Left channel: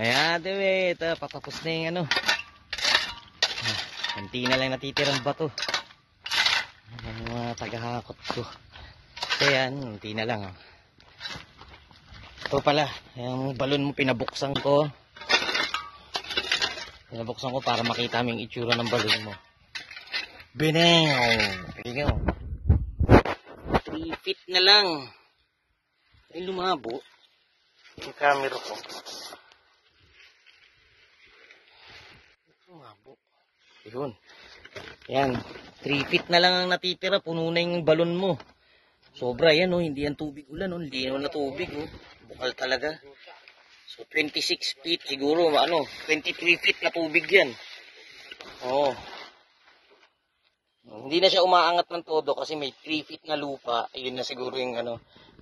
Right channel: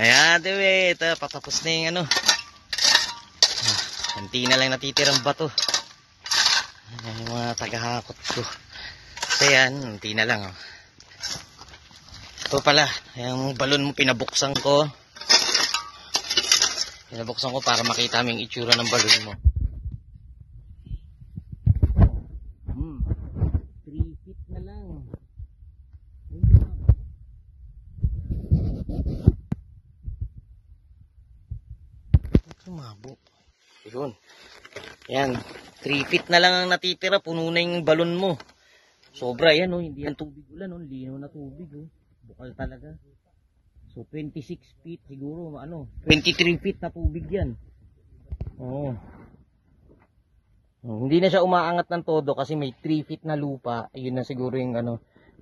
Ayan, diwe. Ito, patapos na yung ano. Kunti na lang natitirang bato. Ayan yung mga tagahakot ko. Ito yan, kunti na lang. Oh. Ito pala, yung balon mo pinabuksan ko. Pinabuksan ko para makita mo yung itsura ng balon mo. Binaw! Binaw! 3 feet na lang. Ay, lumabo. Yung camera ko. Lumabo. Yun. Yan. 3 feet na lang ang natitira. Puno na yung balon mo. Sobra yan, oh. Hindi yan tubig ulan, oh. Linaw na tubig, oh. Bukal talaga. So, 26 feet. Siguro, 23 feet na tubig yan. Oo. Hindi na siya umaangat ng todo kasi may 3 feet na lupa. Yun na siguro yung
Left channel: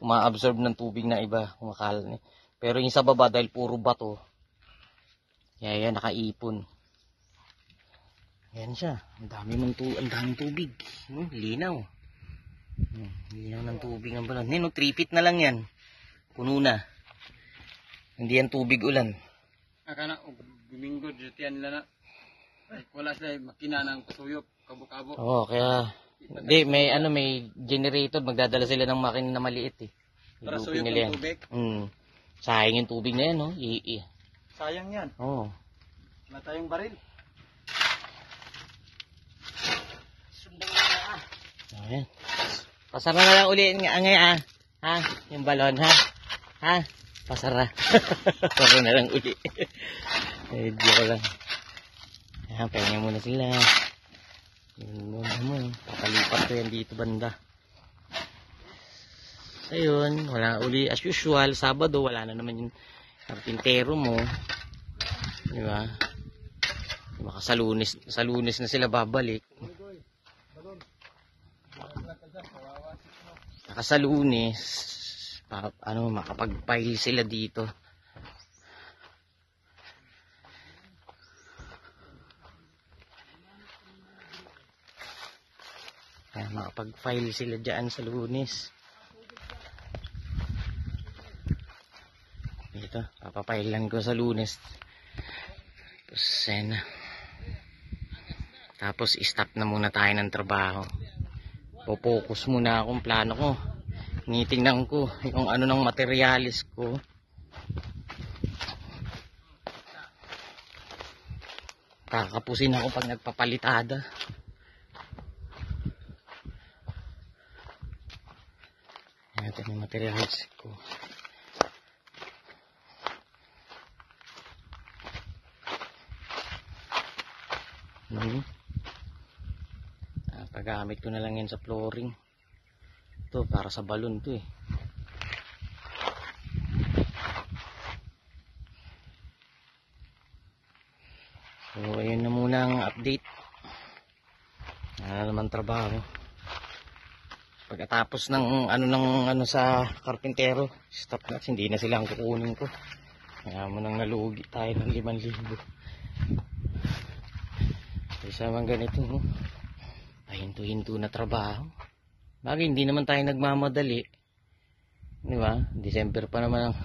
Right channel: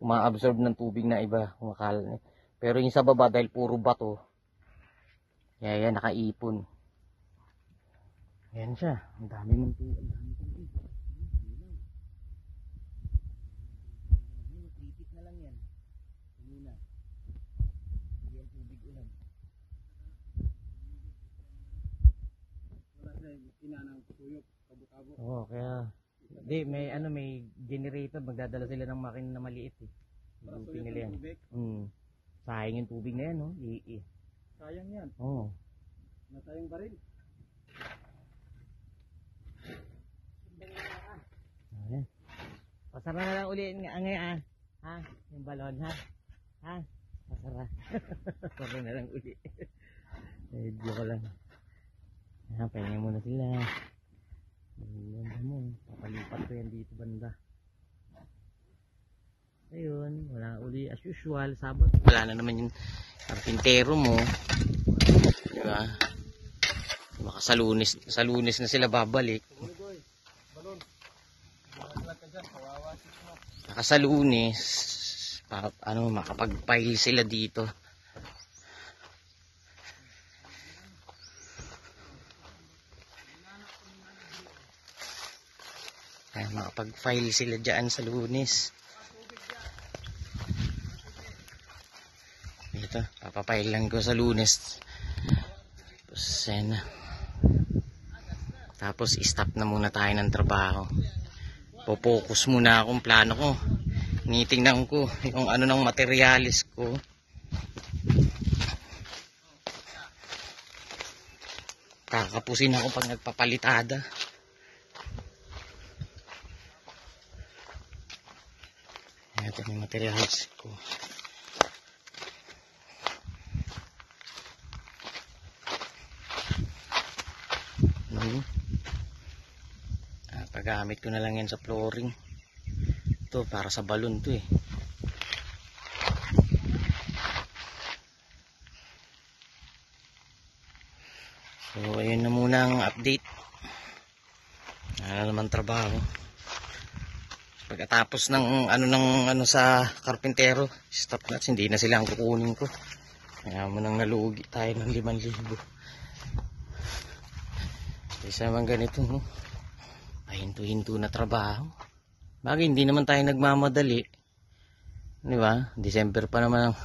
umaabsorb ng tubig na iba. Kumakalan. Pero yung sa baba dahil puro bato. Yan, nakaipon. Yan siya. Ang daming tubig. Linaw. Linaw ng tubig ang balon. 3 feet na lang yan. Puno na. Hindi yan tubig ulan. Akala Domingo dyan lang na. Ay, wala sila makina ng patuyok, kabo-kabo. Oo, kaya hindi may generator, magdadala sila ng makina na maliit eh. Para suyok ng tubig. Sayang yung tubig na yan, no? Sayang yan. Oo. Wala tayong baril. Sundan na. Ayan. Pasara na lang uli ngayon ha? Yung balon ha? Ha? Pasara. Pasara na lang uli. Medyo ko lang. Ayan, pahinga muna sila. Yun muna mo. Papalipat ko yan dito banda. Ayun, wala uli. As usual, Sabado, wala na naman yung karpintero mo. Diba? Baka sa Lunes na sila babalik. Baka sa Lunes, makapag-pile sila dito. Makapag-file sila dyan sa Lunes. Ito, papapile lang ko sa Lunes. Tapos stop na muna tayo ng trabaho. Focus muna akong plano ko. Tinitingnan ko yung ng materialis ko. Kakapusin ako pag nagpapalitada. Ito yung materials ko. Paggamit ko na lang yan sa flooring. Ito para sa balon to eh. So ayun na muna ang update. Naman trabaho. Pagkatapos ng sa karpintero, stop na, hindi na sila ang kukunin ko. Kaya mo nang nalugi tayo ng 5,000. Isa man ganito, no? Pahinto-hinto na trabaho. Bagay, hindi naman tayo nagmamadali. Di ba? December pa naman ang